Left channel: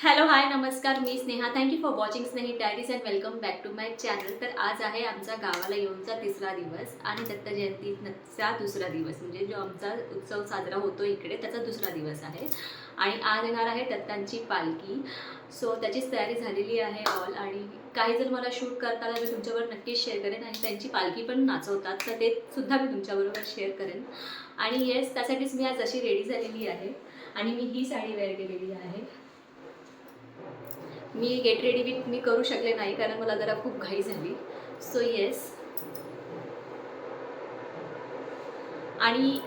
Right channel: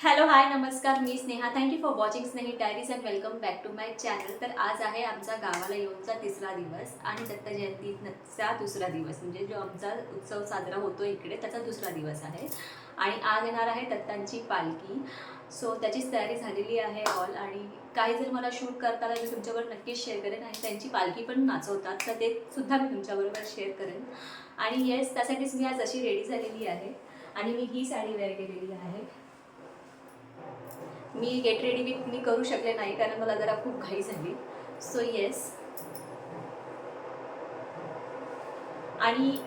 Hello hi नमस्कार, मी Sneha. Thank you for watching Snehi diaries and welcome back to my channel. तर आज आहे आमचा गावाला येऊनचा तिसरा दिवस आणि दत्त जयंतीचा दुसरा दिवस, म्हणजे जो आमचा उत्सव साजरा होतो इकडे त्याचा दुसरा दिवस आहे. आणि आज येणार आहे दत्तांची पालखी. सो त्याचीच तयारी झालेली आहे ऑल. आणि काही जर मला शूट करताना मी तुमच्याबरोबर नक्कीच शेअर करेन आणि त्यांची पालखी पण नाचवतात, तर ते सुद्धा मी तुमच्याबरोबर शेअर करेन. आणि येस, त्यासाठीच मी आज अशी रेडी झालेली आहे आणि मी ही साडी वेअर केलेली आहे. मी गेट रेडी विथ मी करू शकले नाही कारण मला जरा खूप घाई झाली. So yes. आणि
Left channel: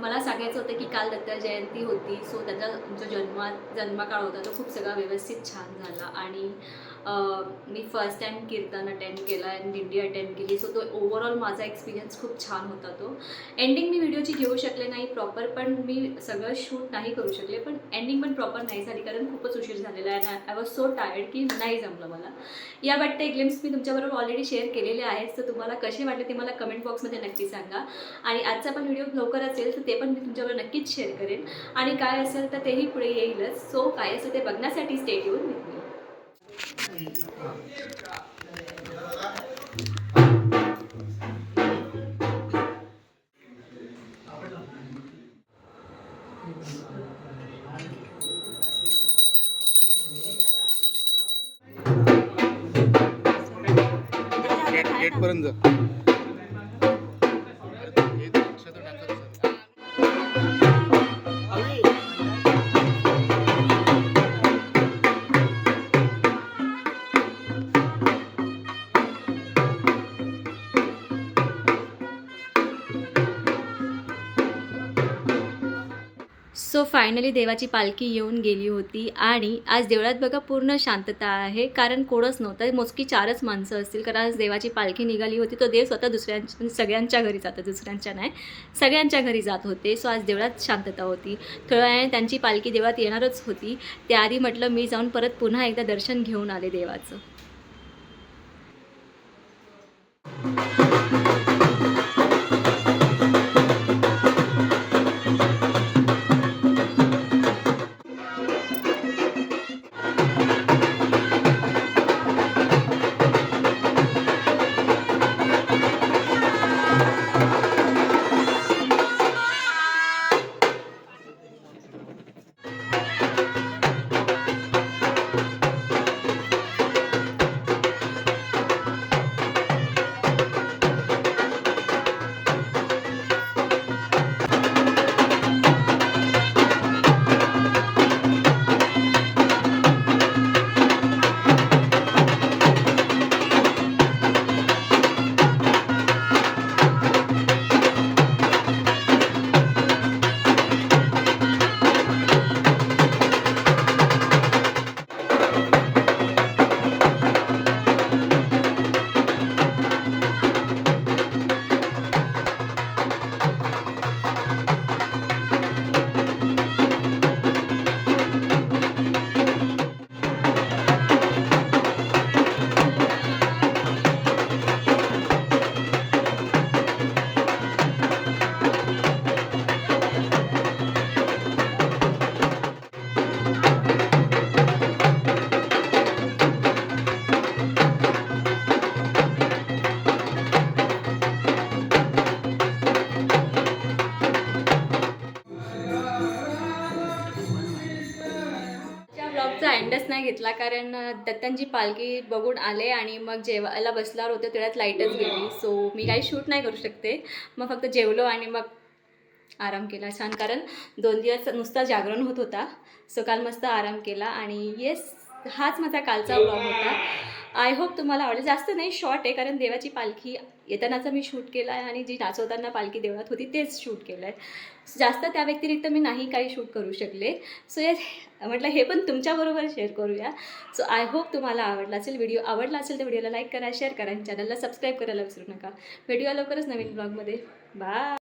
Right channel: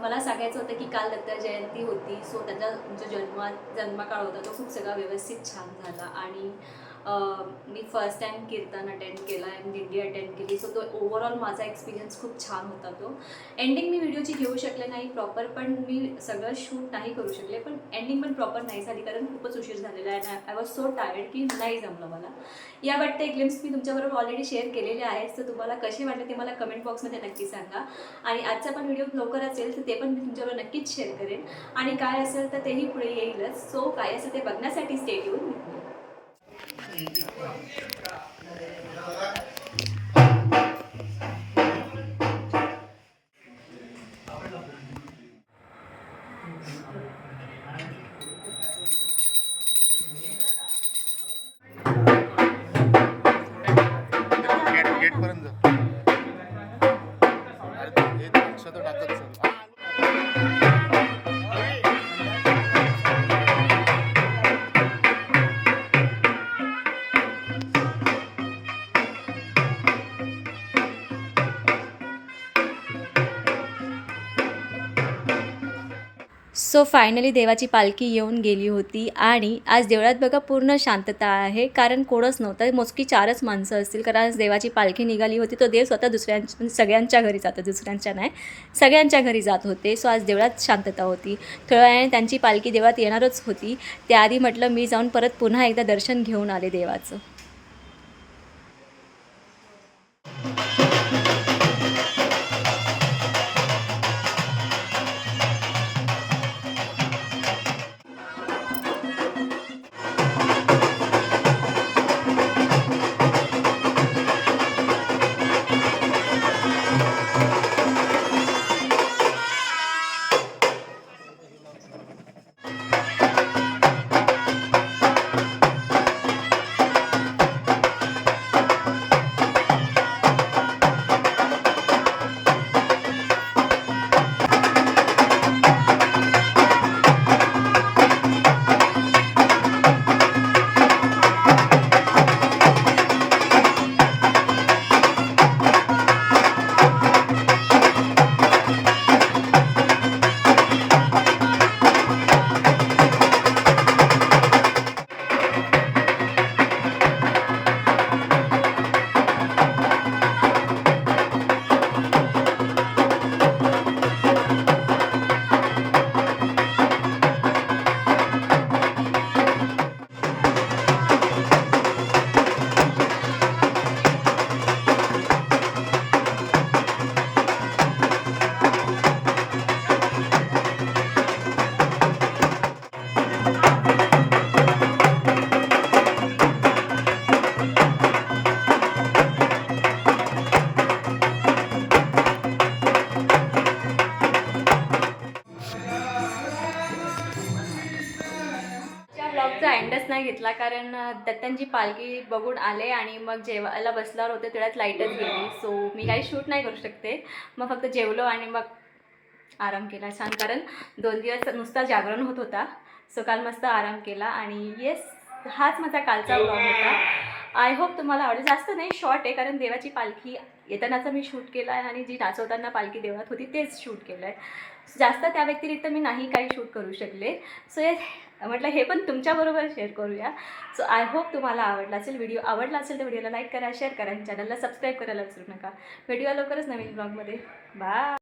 मला सांगायचं होतं की काल दत्त जयंती होती. सो त्याचा जो जन्मकाळ होता तो खूप सगळा व्यवस्थित छान झाला. आणि मी फर्स्ट टाईम कीर्तन अटेंड केला आणि दिंडी अटेंड केली. सो तो ओव्हरऑल माझा एक्सपिरियन्स खूप छान होता. तो एंडिंग मी व्हिडिओची घेऊ शकले नाही प्रॉपर, पण मी सगळं शूट नाही करू शकले. पण एंडिंग पण प्रॉपर नाही झाली कारण खूपच उशीर झालेला आहे. आय वॉज सो टायर्ड की नाही जमलं मला. या बट ग्लिम्स मी तुमच्याबरोबर ऑलरेडी शेअर केलेले आहेत. सो तुम्हाला कसे वाटले ते मला कमेंट बॉक्समध्ये नक्की सांगा. आणि आजचा पण व्हिडिओ लवकर असेल तर ते पण मी तुमच्याबरोबर नक्कीच शेअर करेन. आणि काय असेल तर तेही पुढे येईलच. सो काय असेल ते बघण्यासाठी stay tune with me. Gate पर्यंत जा. सो फायनली देवाची पालखी येऊन गेली होती आणि आज देवळात बघा पूर्ण शांतता आहे कारण कोणच नव्हतं. मोजकी 4च माणसं असतील कारण आज देवाची पालखी निघाली होती. तो देव स्वतः सगळ्यांच्या घरी जातो, दुसऱ्यांच्या नाही, सगळ्यांच्या घरी जात होते. सो आज देवळात शांतता होती. थोड्या वेळाने त्यांची पालखी देवळात येणारच होती. त्याआधी म्हटलं मी जाऊन परत पुन्हा एकदा दर्शन घेऊन आले देवाचं. ब्लॉगचा एंडच नाही घेतला कारण दत्तांची पालखी बघून आले आणि मग जेवायला बसल्यावर होते तेवढ्यात लाईटच गेली. सो मी काही शूट नाही करू शकते. मग फक्त जेवलो आणि मग आराम केला छान, कारण 2 दिवस नुसता जागरण होत होता. सो काल मस्त आराम केला. आणि येस, हाच माझा कालचा ब्लॉग होता. आय होप तुम्हाला आवडेल. जास्त नाही, शॉर्ट आहे कारण देवाची पालखी येतानाचा मी शूट केला आहे आणि जी नाचवताना पालखी देवळात होती तेच शूट केलं आहे. जास्त त्या व्यतिरिक्त मी नाही काही शूट करू शकले. सो येस, म्हटलं हे पण तुमच्याबरोबर शेअर करूया. सो आय होप तुम्हाला आवडला असेल. व्हिडिओ आवडला असेल तर व्हिडिओला लाईक करा, शेअर करा आणि चॅनलला सबस्क्राईब करायला विसरू नका. व्हिडिओ लवकरच नवीन ब्लॉगमध्ये. बाय.